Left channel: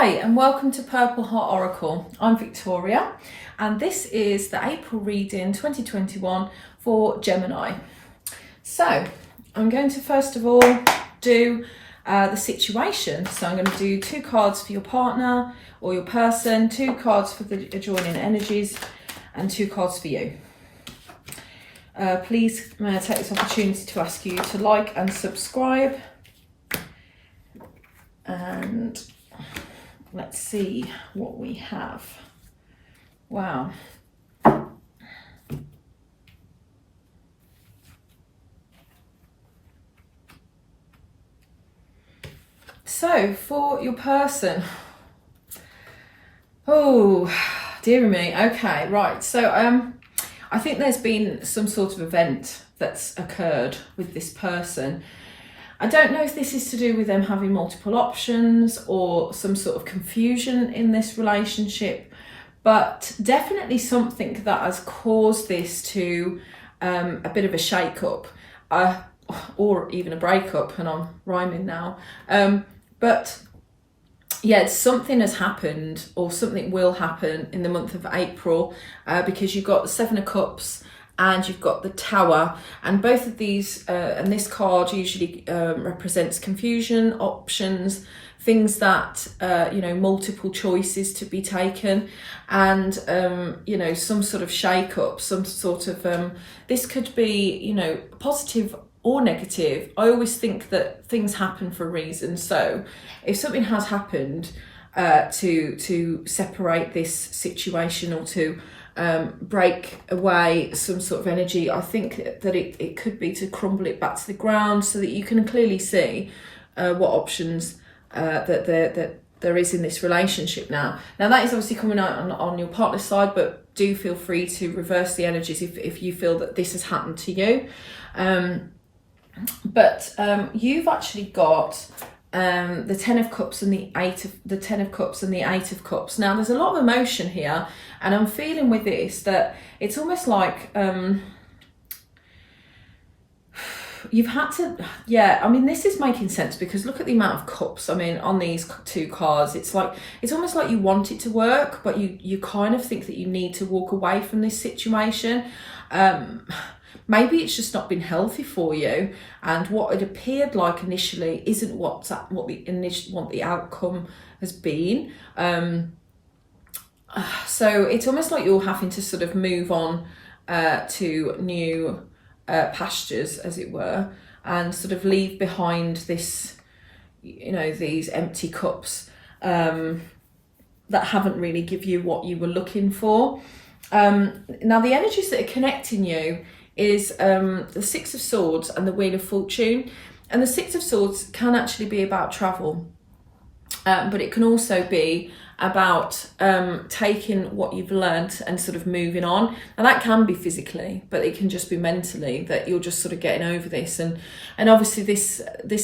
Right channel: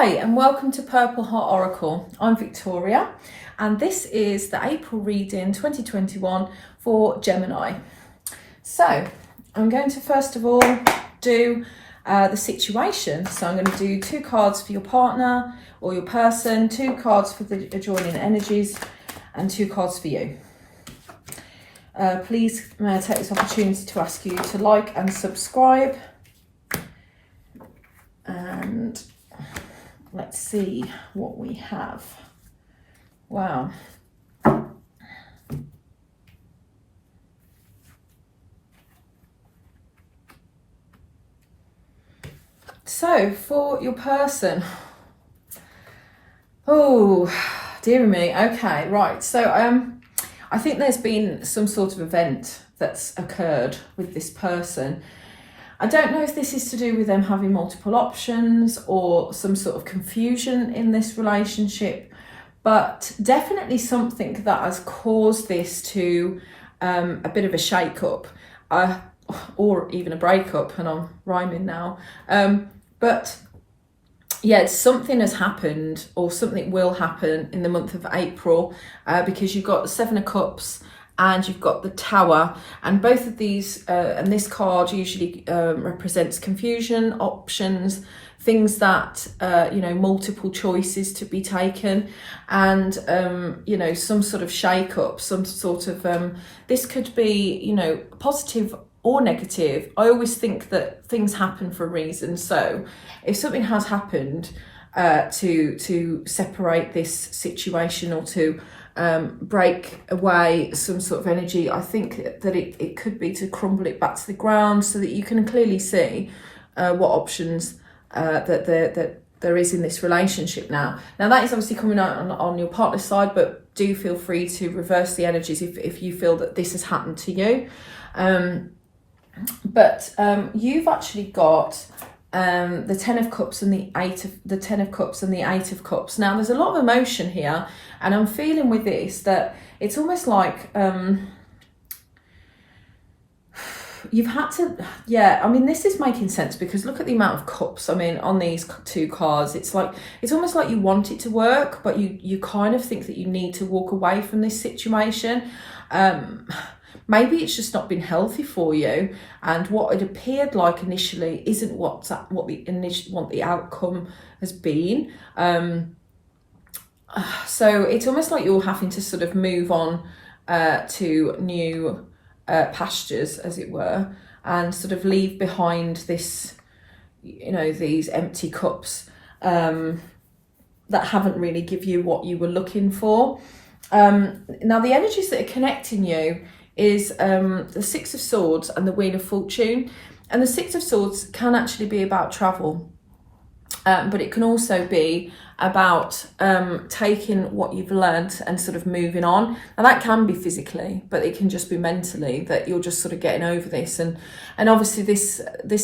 Hi and welcome to Purple Heart Oracle. I'm Victoria and this is the April reading 2021 for Gemini. So I'm going to first of all do the situation. So I'm going to do 2 cards for your partner or your person, 2 cards for the adjoining energies and 2 cards for you. Please take this opportunity to ask you to like and subscribe. And let's see what we have. Wow. So for your person, oh dear me. Okay, right. So I think there's been some sort of event that's occurred with this person. I don't know if this is to do with them having multiple options or some sort of confusion in this relationship, but definitely something that has caused this to a bit of a shake-up or even a breakup, and I'm rhyming now. But yeah, something has happened or something will happen in the month of April because you've got the 7 of Cups and you've got the Tower, and both of these and this card usually represents confusion, options, things that you know, multiple choices to be taken, and you know, some sort of shake up, some sort of this could be, you know, positive or negative. I always think that things happen for a reason, so if something has happened to separate this situation or to break away some sort of energy, I think that it could be to crumble it back to the ground so that you can clearly see what options that there is in this relationship now. Now that is obviously coming out on your partner's side, but do feel free to reverse the energies if you feel that this has happened to you. But you've actually got the 10 of Cups and the 10 of Cups and the 8 of Cups. Now there's a lot of emotion here, and I'm feeling with this that it's almost like you've had to, yeah, I mean, this is making sense because look at the amount of cups. I mean, on these 2 cards, it's like, it's almost like you want it to work, but you kind of think that you need to walk away from this situation. Maybe it's just not been healthy for you, and what it appeared like initially isn't what the outcome has been. So it's almost like you're having to sort of move on to new pastures, as it were, and sort of leave behind this, you know, these empty cups that haven't really give you what you were looking for. Now the energies that are connecting you is the 6 of Swords and the Wheel of Fortune. And the 6 of Swords can actually be about travel, but it can also be about taking what you've learned and sort of moving on. Now that can be physically, but it can just be mentally, that you're just sort of getting over this. And obviously this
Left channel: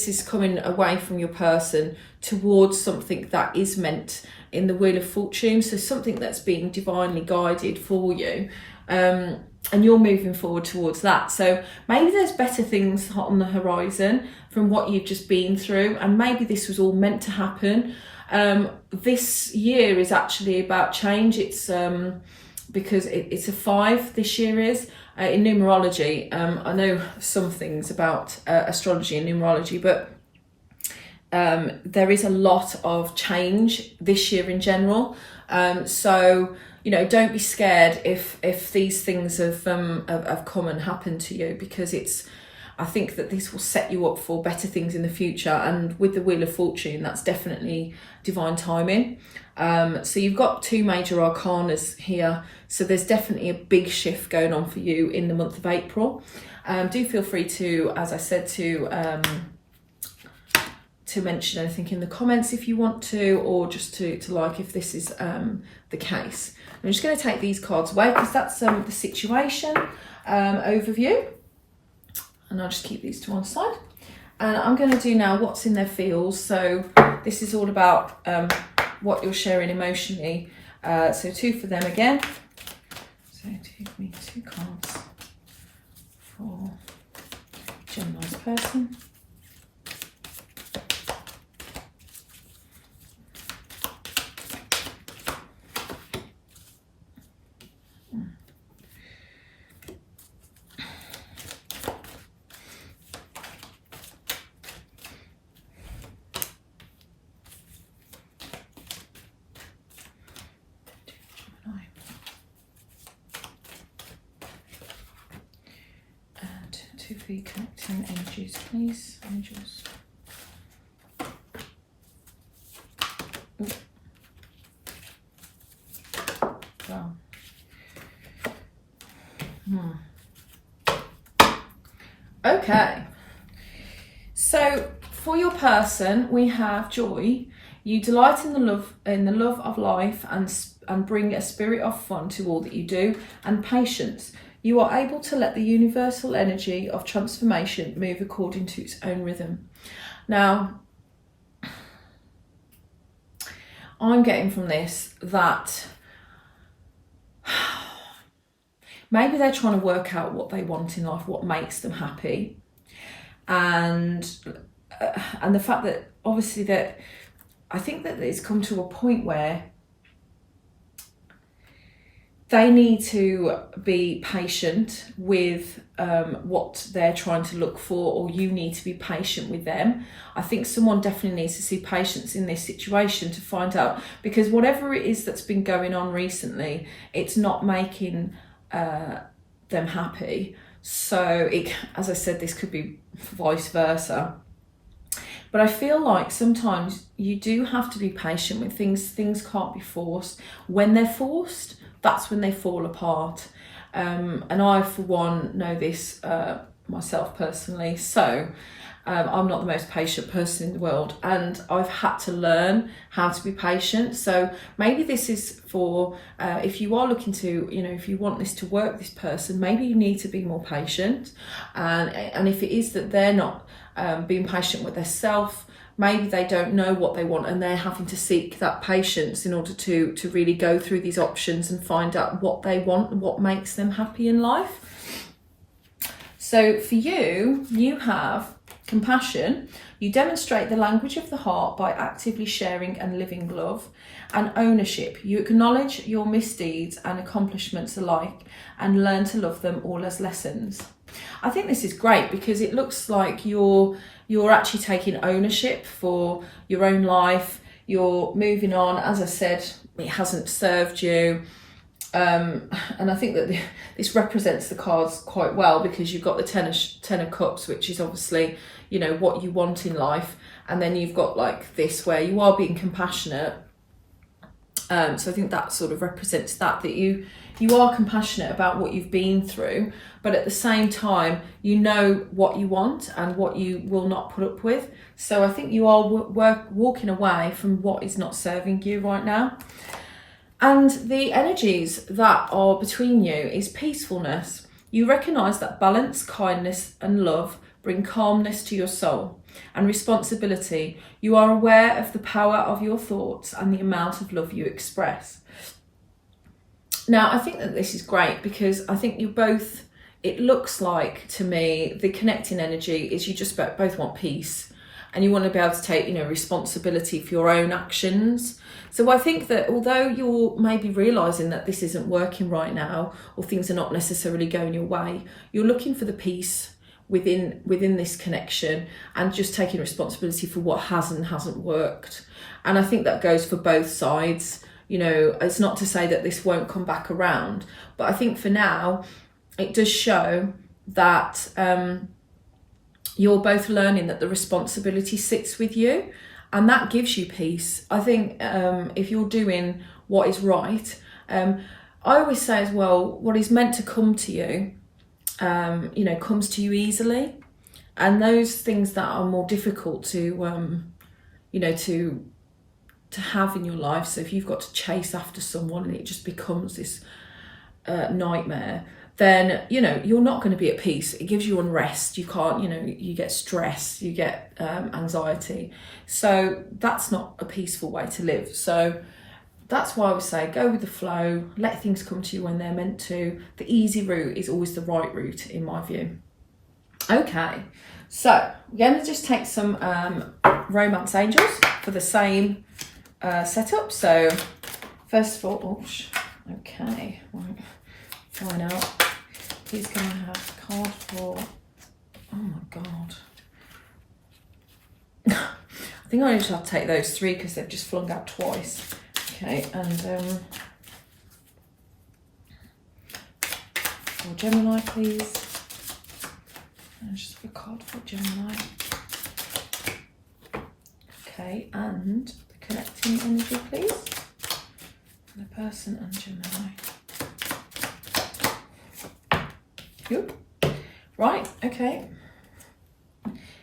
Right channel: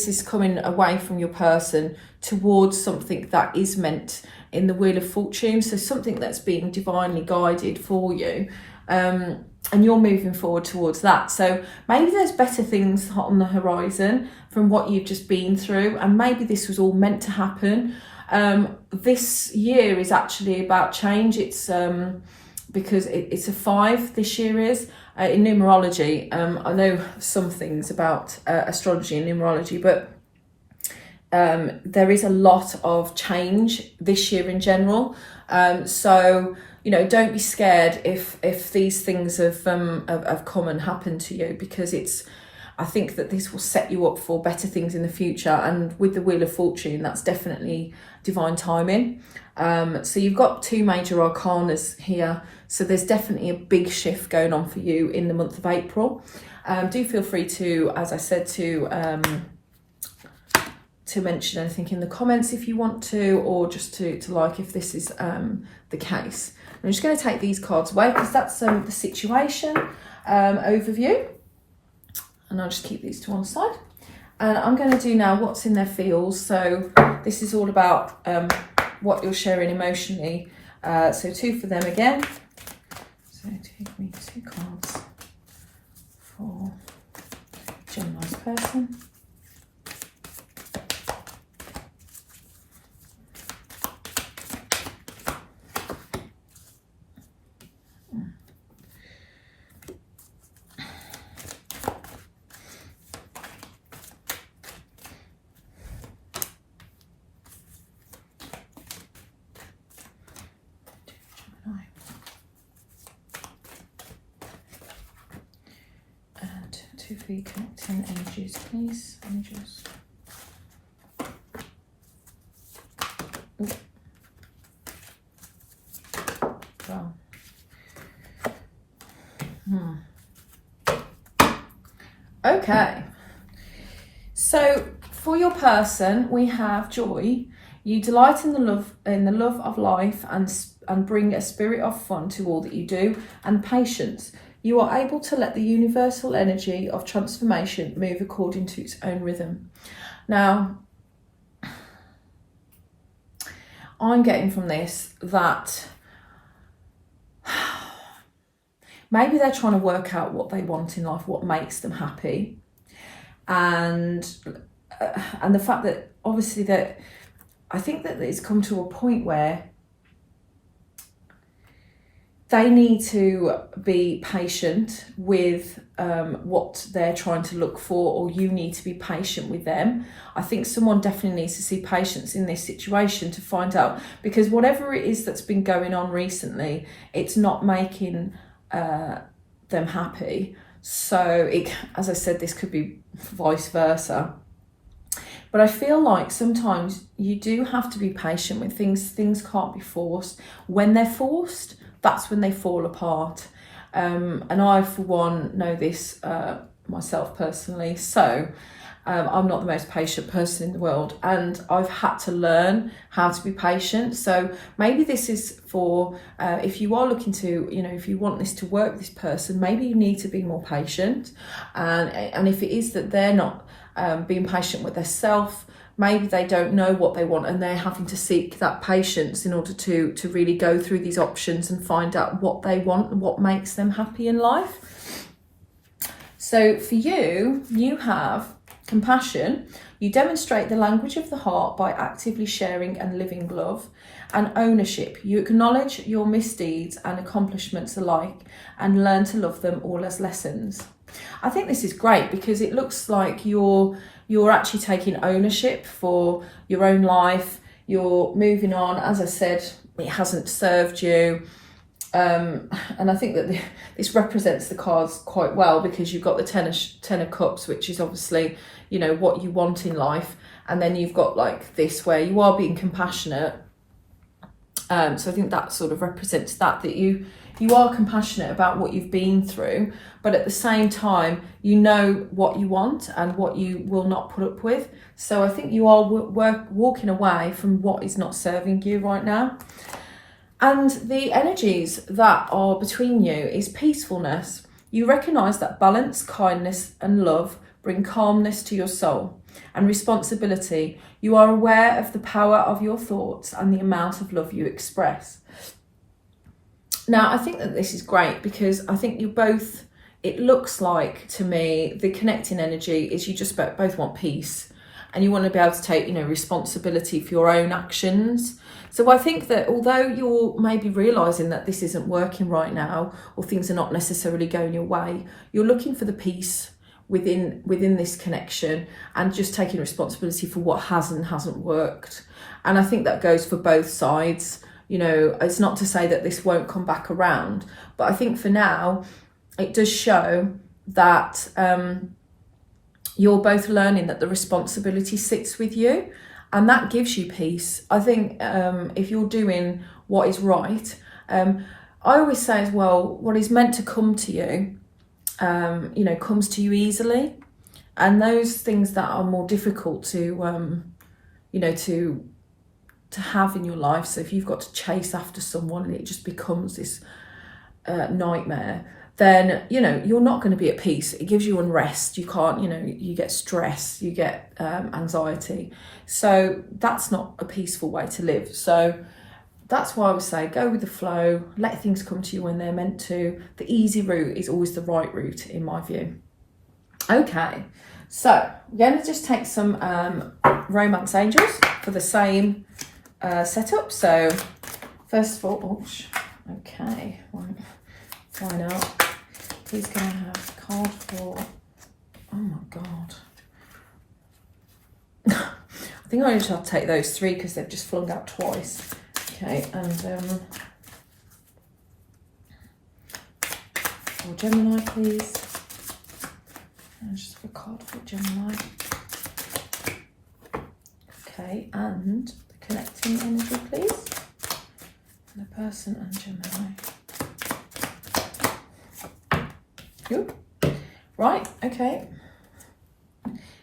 is coming away from your person towards something that is meant in the Wheel of Fortune. So something that's being divinely guided for you. And you're moving forward towards that. So maybe there's better things on the horizon from what you've just been through, and maybe this was all meant to happen. This year is actually about change. It's because it's a 5 this year is in numerology. I know some things about astrology and numerology, but there is a lot of change this year in general. So you know, don't be scared if these things have come and happened to you, because I think that this will set you up for better things in the future. And with the Wheel of Fortune, that's definitely divine timing. So you've got 2 major arcanas here. So there's definitely a big shift going on for you in the month of April. Do feel free to, as I said, to mention anything in the comments if you want to, or just to like if this is the case. I'm just going to take these cards away because that's the situation overview, and I'll just keep these to one side. And I'm going to do now what's in their fields. So this is all about what you're sharing emotionally. So 2 for them again. So give me 2 cards for Gemini's person. Two for you connecting energies, please. Angels. Ooh. Wow. Okay. So for your person, we have joy. You delight in the love of life and bring a spirit of fun to all that you do. And patience. You are able to let the universal energy of transformation move according to its own rhythm. Now, I'm getting from this that maybe they're trying to work out what they want in life, what makes them happy. And the fact that obviously that I think that it's come to a point where they need to be patient with what they're trying to look for, or you need to be patient with them. I think someone definitely needs to see patience in this situation to find out, because whatever it is that's been going on recently, it's not making them happy. So as I said, this could be vice versa. But I feel like sometimes you do have to be patient with things. Things can't be forced. When they're forced, that's when they fall apart. And I, for one, know this myself personally. So I'm not the most patient person in the world, and I've had to learn how to be patient. So maybe this is for if you are looking to, if you want this to work with this person, maybe you need to be more patient. And if it is that they're not being patient with themselves, maybe they don't know what they want, and they're having to seek that patience in order to really go through these options and find out what they want and what makes them happy in life. So for you, you have compassion. You demonstrate the language of the heart by actively sharing and living love. And ownership. You acknowledge your misdeeds and accomplishments alike and learn to love them all as lessons. I think this is great because it looks like you're actually taking ownership for your own life. You're moving on. As I said, it hasn't served you. And I think that this represents the cards quite well, because you've got the Ten of Cups, which is obviously, what you want in life. And then you've got like this where you are being compassionate. So I think that sort of represents that you are compassionate about what you've been through, but at the same time, you know what you want and what you will not put up with. So I think you are walking away from what is not serving you right now. And the energies that are between you is peacefulness. You recognise that balance, kindness and love bring calmness to your soul. And responsibility. You are aware of the power of your thoughts and the amount of love you express. Now, I think that this is great because I think you both, it looks like to me, the connecting energy is you just both want peace, and you want to be able to take, responsibility for your own actions. So I think that although you're maybe realising that this isn't working right now, or things are not necessarily going your way, you're looking for the peace within this connection and just taking responsibility for what has and hasn't worked. And I think that goes for both sides. It's not to say that this won't come back around, but I think for now it does show that you're both learning that the responsibility sits with you, and that gives you peace. I think if you're doing what is right, I always say as well, what is meant to come to you comes to you easily, and those things that are more difficult to have in your life. So if you've got to chase after someone and it just becomes this nightmare, then you're not going to be at peace. It gives you unrest. You can't, you get stress, you get anxiety. So that's not a peaceful way to live. So that's why I would say go with the flow, let things come to you when they're meant to. The easy route is always the right route, in my view. Okay, so we're going to just take some romance angels for the same setup. So first of all, okay, right, find out. Please can I have a card for, oh my God. I think I only have to take those three because they've just flung out twice. Okay, and for Gemini, please. And just have a card for Gemini. Okay, and the connecting energy, please. For the person and Gemini. Good. Right, okay.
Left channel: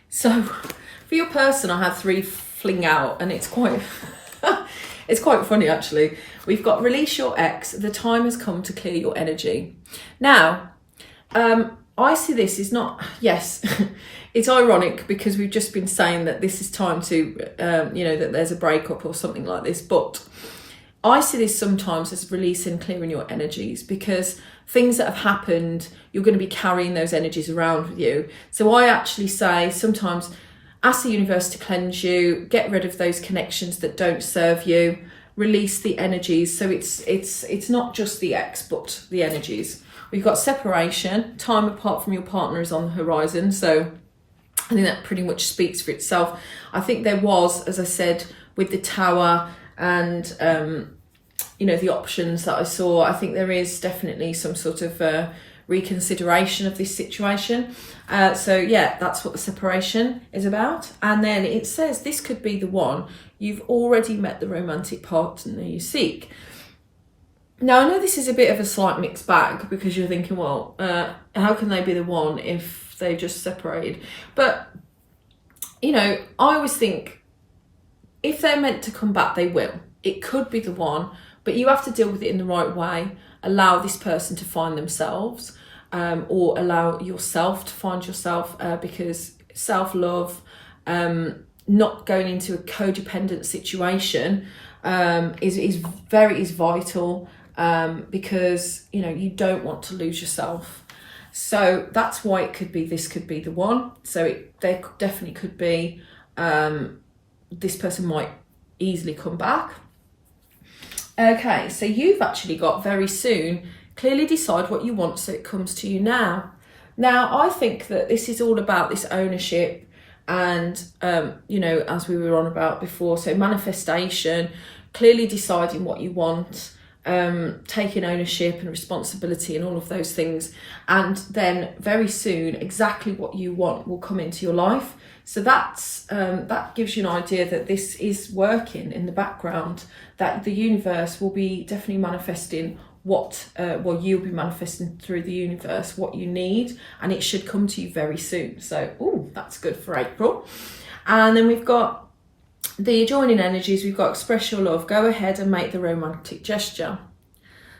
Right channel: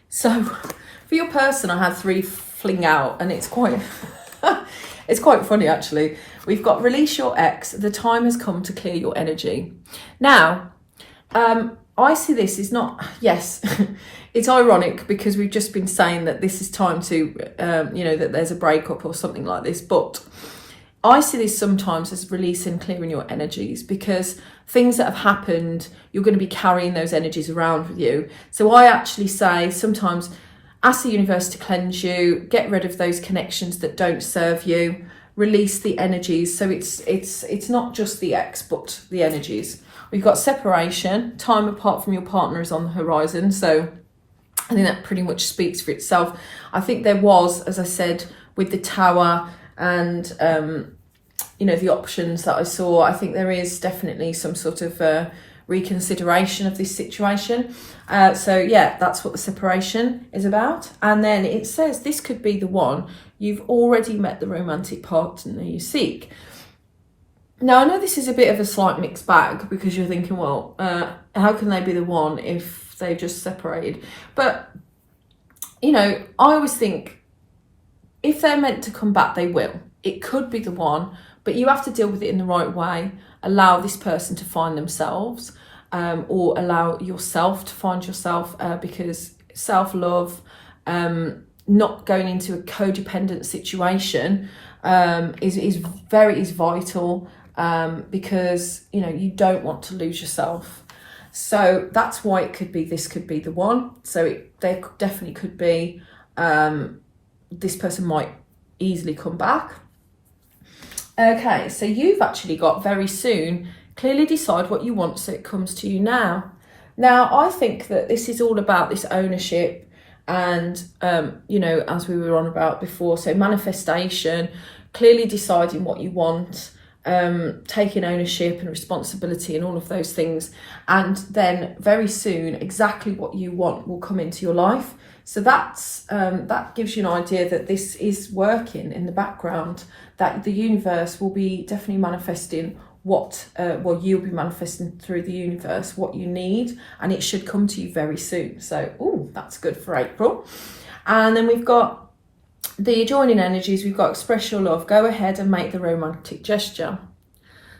So for your person, I had 3 fling out, and it's quite it's quite funny actually. We've got release your ex. The time has come to clear your energy. Now, I see this is not, yes, it's ironic because we've just been saying that this is time to, that there's a breakup or something like this. But I see this sometimes as releasing, clearing your energies, because things that have happened, you're going to be carrying those energies around with you. So I actually say sometimes ask the universe to cleanse you, get rid of those connections that don't serve you, release the energies. So it's not just the ex, but the energies. We've got separation, time apart from your partner is on the horizon. So I think that pretty much speaks for itself. I think there was, as I said, with the tower and, the options that I saw, I think there is definitely some sort of reconsideration of this situation. So yeah, that's what the separation is about. And then it says this could be the one. You've already met the romantic partner you seek. Now, I know this is a bit of a slight mixed bag because you're thinking, well, how can they be the one if they just separated? But, I always think if they're meant to come back, they will. It could be the one, but you have to deal with it in the right way. Allow this person to find themselves, or allow yourself to find yourself, because self-love, not going into a codependent situation is vital. Because you don't want to lose yourself. So that's why this could be the one. So there definitely could be, this person might easily come back. Okay, so you've actually got very soon, clearly decide what you want so it comes to you now. Now, I think that this is all about this ownership and, as we were on about before, so manifestation, clearly deciding what you want, taking ownership and responsibility and all of those things, and then very soon exactly what you want will come into your life. So that gives you an idea that this is working in the background, that the universe will be definitely manifesting you'll be manifesting through the universe what you need, and it should come to you very soon. So that's good for April. And then we've got the adjoining energies. We've got express your love, go ahead and make the romantic gesture.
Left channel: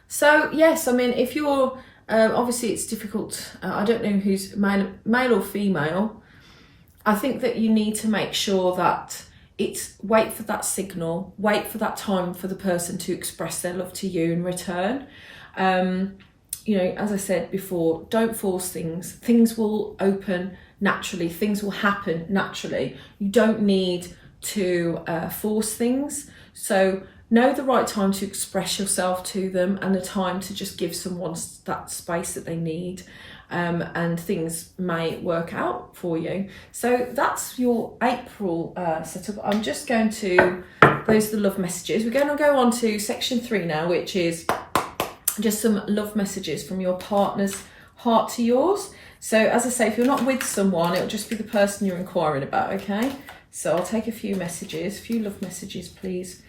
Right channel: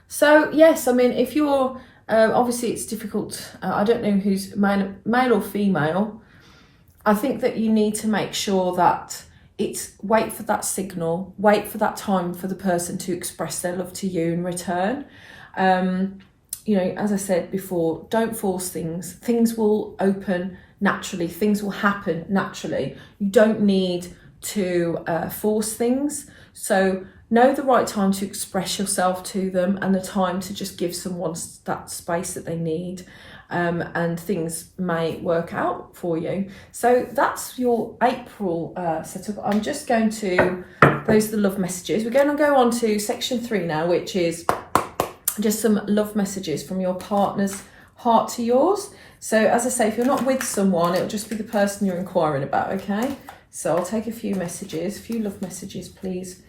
So yes, I mean, if you're obviously it's difficult, I don't know who's male or female. I think that you need to make sure that it's wait for that signal, wait for that time for the person to express their love to you in return. As I said before, don't force things. Things will open naturally, things will happen naturally. You don't need to force things. So know the right time to express yourself to them, and the time to just give someone that space that they need, and things may work out for you. So that's your April setup. I'm just going to, those are the love messages. We're going to go on to section 3 now, which is just some love messages from your partner's heart to yours. So as I say, if you're not with someone, it'll just be the person you're inquiring about, okay? So I'll take a few love messages, please,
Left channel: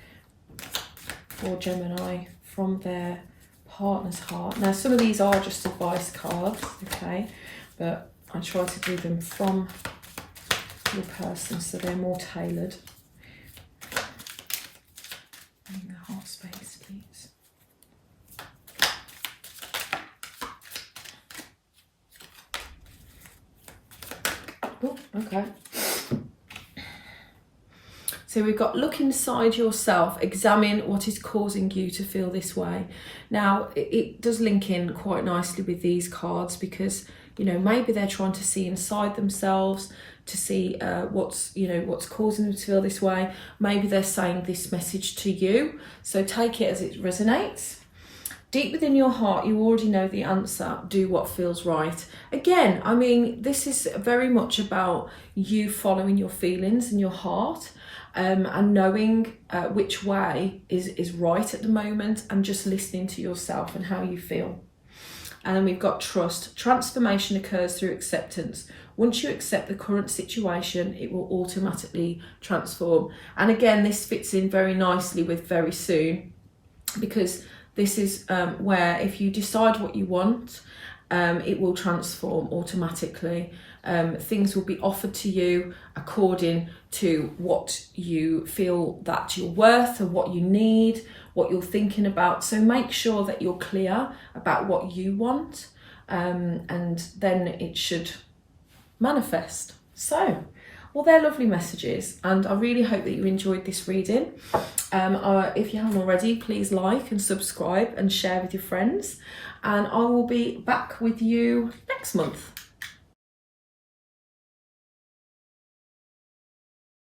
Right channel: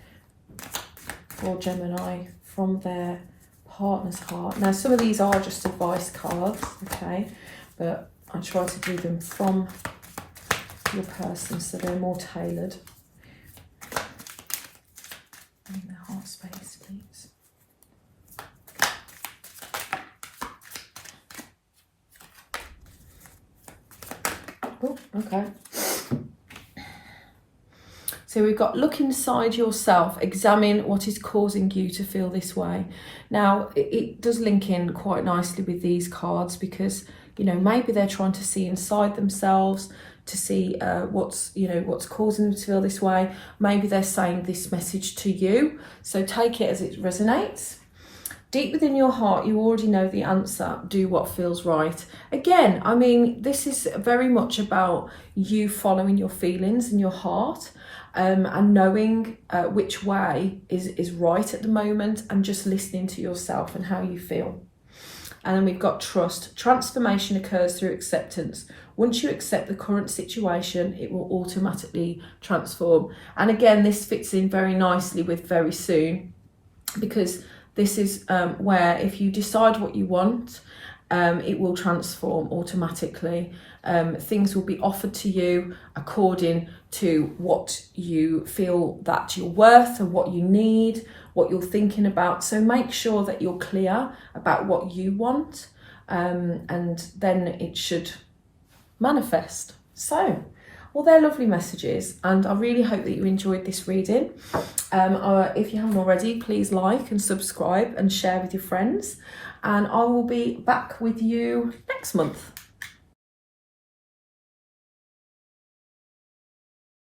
for Gemini from their partner's heart. Now, some of these are just advice cards, okay? But I try to do them from your person so they're more tailored. I need the heart space, please. Oh, okay. So we've got look inside yourself, examine what is causing you to feel this way. Now, it does link in quite nicely with these cards because, maybe they're trying to see inside themselves to see what's causing them to feel this way. Maybe they're saying this message to you. So take it as it resonates. Deep within your heart, you already know the answer. Do what feels right. Again, I mean, this is very much about you following your feelings and your heart. And knowing which way is right at the moment, and just listening to yourself and how you feel. And then we've got trust. Transformation occurs through acceptance. once you accept the current situation, it will automatically transform. And again, this fits in very nicely with very soon, because this is where if you decide what you want, it will transform automatically. Things will be offered to you according to what you feel that you're worth and what you need, what you're thinking about. So make sure that you're clear about what you want, and then it should manifest. So, well, they're lovely messages, and I really hope that you enjoyed this reading. If you haven't already, please like and subscribe and share with your friends, and I will be back with you next month.